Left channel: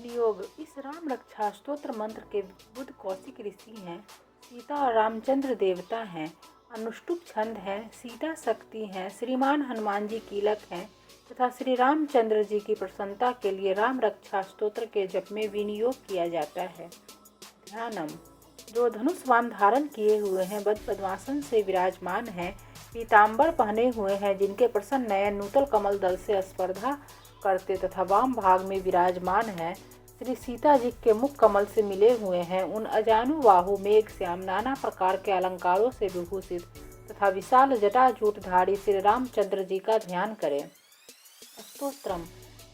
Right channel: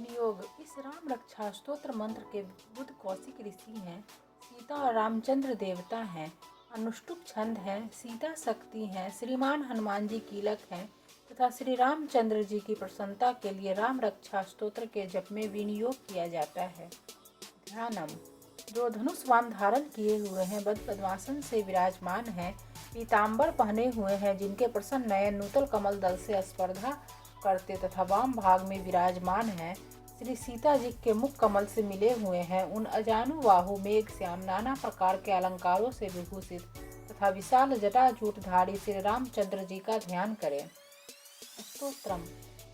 विनियोग। इस राम रक्षा स्तोत्र मंत्र के बुद्ध कौशिक ऋषि हैं। सीता और रामचंद्र देवता हैं। अनुष्टुप छंद है। सीता शक्ति है। श्रीमान हनुमान जी कीलक हैं तथा श्री रामचंद्र जी की प्रसन्नता के लिए राम रक्षा स्तोत्र के जप में विनियोग किया जाता है। ध्यानम। जो धनुष बाण धारण किए हुए हैं, बद्ध पद्मासन से विराजमान हैं, पीताम्बर पहने हुए हैं, जिनके प्रसन्न नयन नूतल कमल दल से स्पर्धा करते तथा वाम भाग में विराजमान हैं, श्री सीता जी के मुख कमल से मिले हुए हैं, उन अजानुबाहु मेघ श्याम नाना प्रकार के अलंकारों से विभूषित तथा विशाल जटाजूटधारी श्री रामचंद्र जी का ध्यान करें। स्तोत्रम।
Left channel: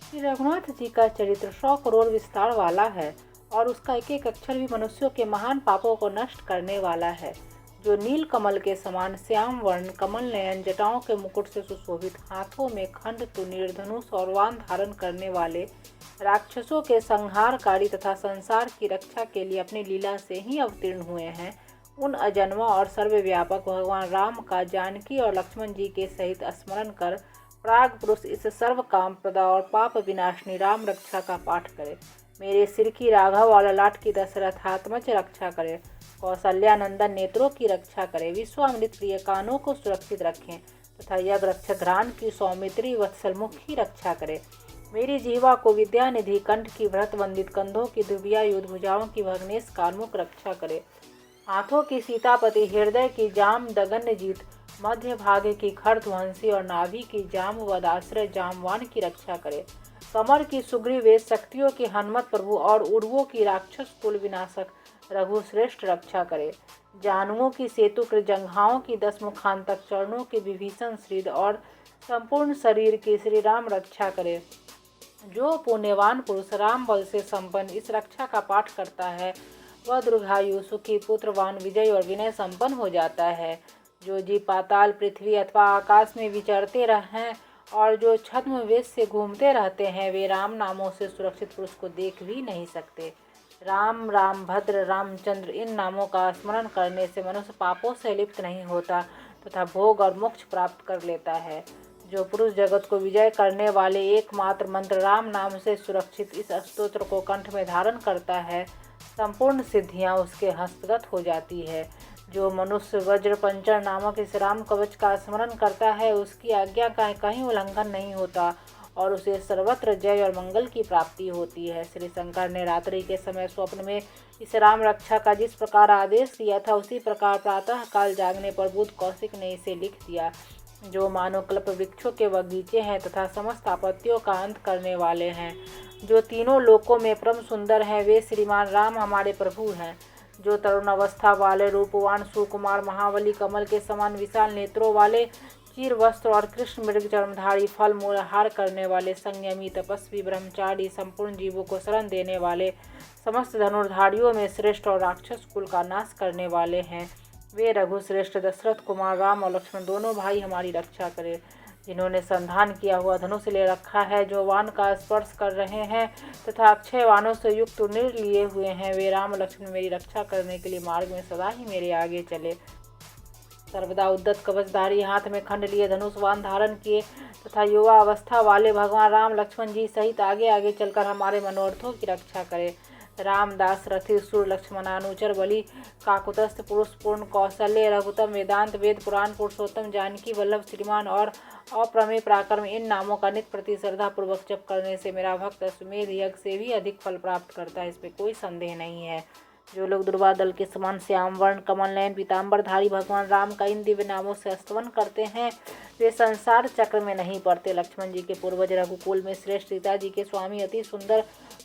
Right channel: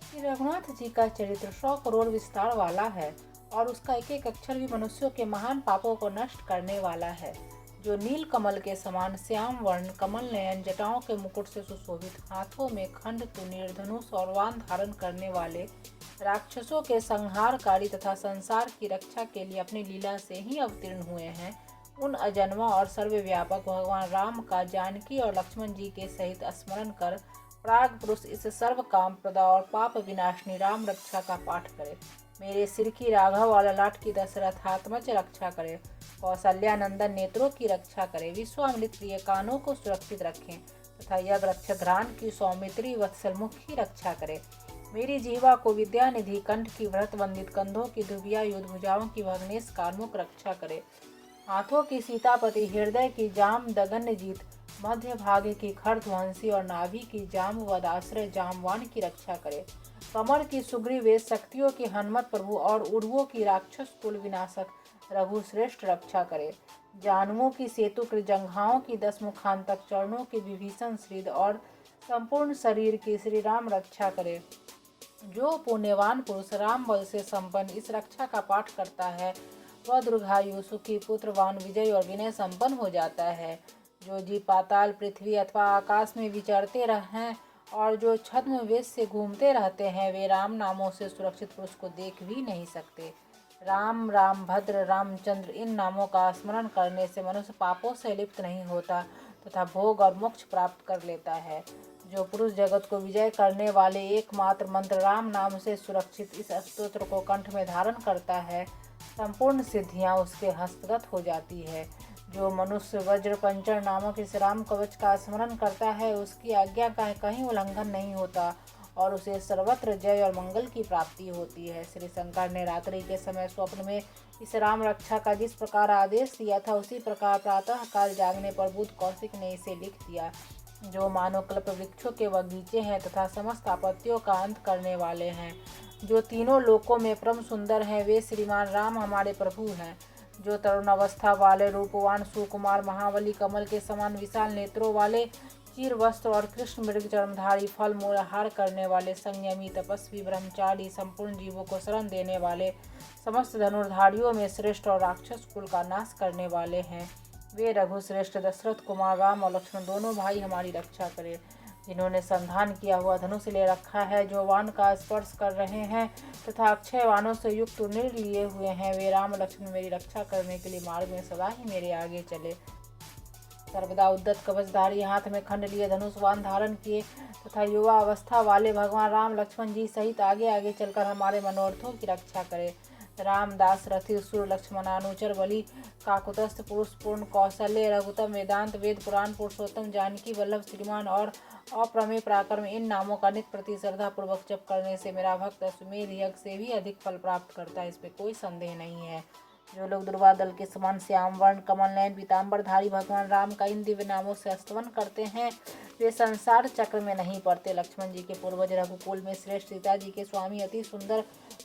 श्री रघुनाथ जी का चरित्र 100 करोड़ विस्तार वाला है और उसका एक एक अक्षर भी मनुष्यों के महान पापों को नष्ट करने वाला है। जो नील कमल के समान श्याम वर्ण, कमल नयन, जटाओं के मुकुट से सुशोभित, हाथों में खंड तुनीर, धनुष और वाण धारण करने वाले, राक्षसों के संहारकारी तथा संसार की रक्षा के लिए अपनी लीला से ही अवतीर्ण हुए हैं, उन अजन्मा और सर्वव्यापक भगवान राम का जानकी और लक्ष्मण जी के सहित स्मरण कर प्राग पुरुष इस सर्व काम प्रदा और पाप विनाशनी राम रक्षा का पाठ करे। मेरे सिर की राघव और ललाट की दशरथात्मज रक्षा करे। कौशल्यानंदन नेत्रों की रक्षा करे। विश्वामित्र प्रिय कानों को सुरक्षित रखें तथा यज्ञ रक्षक घ्राण की सौमित्री वत्सल मुख की रक्षा करे। मेरी जीवा को विद्यानिधि कंठ की व्रत वंदित, कंधों की दुबिया युद्ध, भुजाओं की भग्नेश कार्मुक रक्षा करे। हाथों की सीतापति, हृदय की जाम दगन जीत, मध्य भाग की खरध्वंसी और नाभि की जाम्बवदाश्रय जामवान की रक्षा करे। कमर की सुग्रीवेश, शक्तियों की हनुमत प्रभु और उर्वों की राक्षस कुल विनाशक रघुश्रेष्ठ रक्षा करे। जानुओं की सेतु जंघाओं की 10 मुखांतक, चरणों की विभीषण श्रीद और संपूर्ण शरीर की श्री राम रक्षा करे। जो पुण्यवान पुरुष राम बल से संपन्न इस रक्षा का पाठ करता है, वह दीर्घायु, सुखी, पुत्रवान, विजय और विनय संपन्न हो जाता है। जो जीव पाताल, पृथ्वी अथवा आकाश में विचरते रहें और जो छद्म वेश से घूमते रहते हैं, वे राम नामों से सुरक्षित पुरुष को देख भी नहीं सकते। राम, राम भद्र, रामचंद्र इन नामों का स्मरण करने से मनुष्य पापों से लिप्त नहीं होता तथा भोग और मोक्ष प्राप्त कर लेता है। जो पुरुष जगत को विजय करने वाले एकमात्र मंत्र राम नाम से सुरक्षित इस स्तोत्र को कंठ में धारण करता है, संपूर्ण सिद्धियां उसके हस्तगत हो जाती है। जो मनुष्य वज्र पंचर नामक इस राम कवच का स्मरण करता है, उसकी आज्ञा का कहीं उल्लंघन नहीं होता और उसे सर्वत्र जय और मंगल की प्राप्ति होती है। श्री शंकर ने रात्रि के समय स्वप्न में इस राम रक्षा का जिस प्रकार आदेश दिया था, उसी प्रकार प्रातः काल जागने पर बुद्ध कौशिक ने इसे लिख दिया। जो मानो कल्प वृक्षों के बगीचे हैं तथा समस्त आपत्तियों का अंत करने वाले हैं, जो तीनों लोकों में परम सुंदर हैं, वे श्रीमान राम हमारे प्रभु हैं। जो तरुण अवस्था वाले, रूपवान, सुकुमार, महाबली, कमल के समान विशाल नेत्रों वाले, चीर वस्त्र और कृष्ण मृग चरणधारी, फल मूल हार करने वाले, संयमी, तपस्वी, ब्रह्मचारी, संपूर्ण जीवों को शरण देने वाले, समस्त धनुर्धारियों में श्रेष्ठ और राक्षस कुल का नाश करने वाले हैं, वे रघुश्रेष्ठ दशरथ कुमार राम और लक्ष्मण दोनों भाई हमारी रक्षा करें। जिन्होंने संधान किया हुआ धनुष ले रखा है, जो वान का स्पर्श कर रहे हैं तथा अक्षय वानों से युक्त निर् लिए हुए हैं, वे राम लक्ष्मण मेरी रक्षा करने के लिए मार्ग में सदा ही मेरे आगे चले। सर्वदा उद्दत कवचधारी, हाथ में खंड लिए, धनुष वान धारण किए तथा युवा अवस्था वाले भगवान राम लक्ष्मण जी सहित आगे आगे चलकर हमारे मनोरथों की रक्षा करे। रामदास रथि सुर, लक्ष्मणानुचर, बलि, काकुतस्थ, पुरुष पूर्ण, कौशल्य, रघुतम, वेदांत, वेद पुराण, पुरुषोत्तम, जानकी वल्लभ, श्रीमान और अप्रमेय पराक्रम इन नामों का नित्य प्रति श्रद्धा पूर्वक जप करने से मेरा भक्त अश्वमेध यज्ञ से भी अधिक फल प्राप्त करता है, इसमें कोई संदेह नहीं है। जो लोग दुर्वा दल के समान श्याम वर्ण, कमल नयन, पीताम्बरधारी भगवान राम का इन दिव्य नामों से स्तवन करते हैं, वे संसार चक्र में नहीं पड़ते। लक्ष्मण जी के पूर्वज, रघुकुल में श्रेष्ठ, सीता जी के स्वामी, अति सुंदर,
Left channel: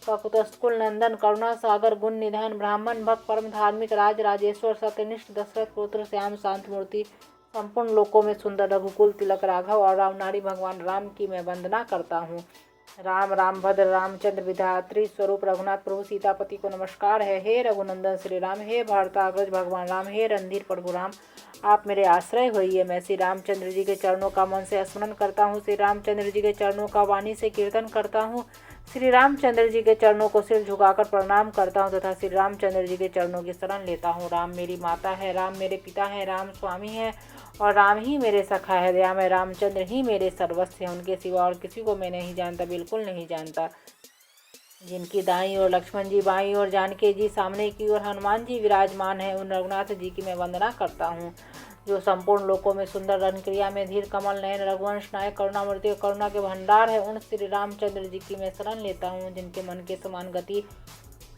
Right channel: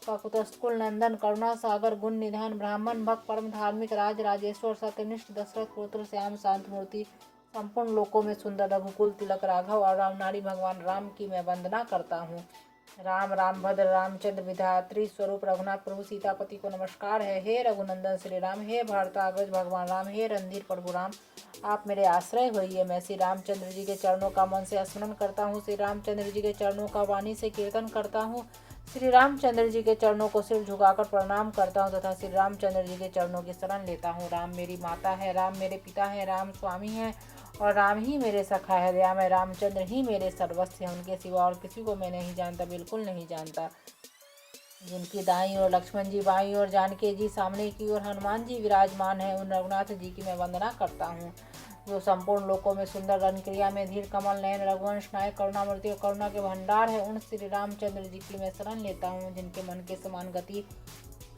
काकुत्स्थकुल नंदन, करुणा सागर, गुण निधान, ब्राह्मण भक्त, परम धार्मिक, राज राजेश्वर, सत्यनिष्ठ, दशरथ पुत्र, श्याम शांत मूर्ति, संपूर्ण लोकों में सुंदर, रघुकुल तिलक, राघव और रामनारी भगवान राम की मैं वंदना करता हूँ। राम, राम भद्र, रामचंद्र विधात्री स्वरूप रघुनाथ प्रभु सीतापति को नमस्कार है। हे रघुनंदन श्री राम, हे भारताग्रज भगवान राम, हे रणधीर प्रभु राम, आप मेरे आश्रय होइए। मैं श्री रामचंद्र जी के चरणों का मन से स्मरण करता हूँ, श्री रामचंद्र जी के चरणों का वाणी से कीर्तन करता हूँ, श्री रामचंद्र जी के चरणों को सिर झुकाकर प्रणाम करता हूँ तथा श्री रामचंद्र जी के चरणों की शरण लेता हूँ। राम मेरी माता है, राम मेरे पिता है, राम स्वामी है और राम ही मेरे सखा है। दया में रामचंद्र ही मेरे सर्वस्व हैं, उनके सिवा और किसी को मैं नहीं जानता, बिल्कुल नहीं जानता। जिनकी दाईं ओर लक्ष्मण जी, बाईं ओर जानकी जी, सामने की ओर हनुमान जी विराजमान है, उन रघुनाथ जी की मैं वंदना करता हूँ। जो संपूर्ण लोकों में सुंदर रन क्रिया में धीर कमल नयन रघुवंश नायक करुणामूर्ति और करुणा के भंडार है, उन श्री रामचंद्र जी की मैं शरण लेता हूँ। जिनके मन के समान गति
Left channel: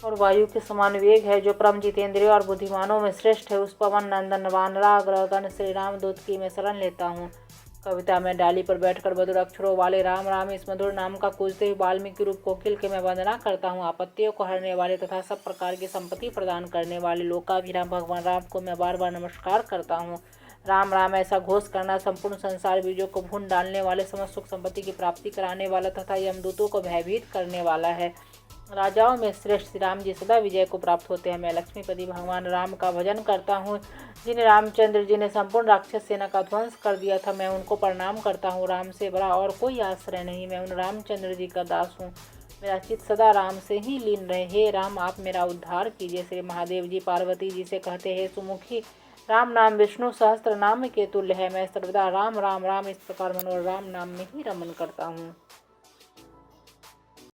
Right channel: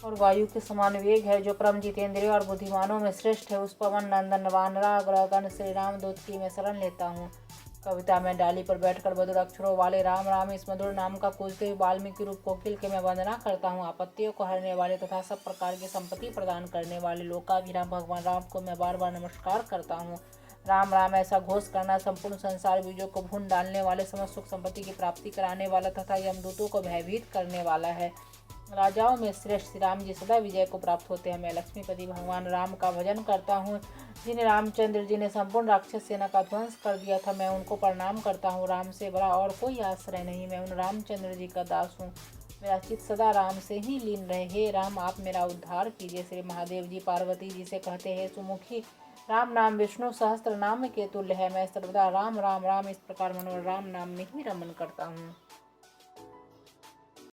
और वायु के समान वेग है, जो परम जितेंद्रिय और बुद्धिमानों में श्रेष्ठ है, उस पवन नंदन वानराग्रगण श्री राम दूत की मैं शरण लेता हूँ। कविता में डाली पर बैठकर मधुर अक्षरों वाले राम राम इस मधुर नाम का पूजते ही वाल्मीकि रूप कोकिल के मैं वंदना करता हूँ। आपत्तियों को हरने वाले तथा सब प्रकार की संपत्ति प्रदान करने वाले लोकाभिराम भगवान राम को मैं बार बार नमस्कार करता हूँ। राम राम ऐसा घोष करना संपूर्ण संसार बीजों को भून डालने वाले, समस्त सुख संपत्ति की प्राप्ति कराने वाला तथा यमदूतों को भयभीत करने वाला है। राजाओं में श्रेष्ठ श्री राम जी सदा विजय को प्राप्त होते हैं। मैं लक्ष्मीपति भगवान राम का भजन करता हूँ, जिन्हें रामचंद्र जी ने संपूर्ण राक्षस सेना का ध्वंस कर दिया था। मैं उनको प्रणाम करता हूँ। राम से बड़ा और कोई आश्रय नहीं, मैं उन रामचंद्र जी का दास हूँ। मेरा चित्त सदा राम से ही लीन रहे। हे राम, आप मेरा उद्धार कीजिए। श्री महादेव जी पार्वती जी से कहते हैं, सुमुखी राम नाम विष्णु सहस्त्र नाम के तुल्य है। मैं सर्वदा राम राम राम इस प्रकार मनोरम राम नाम में ही रमन करता हूँ।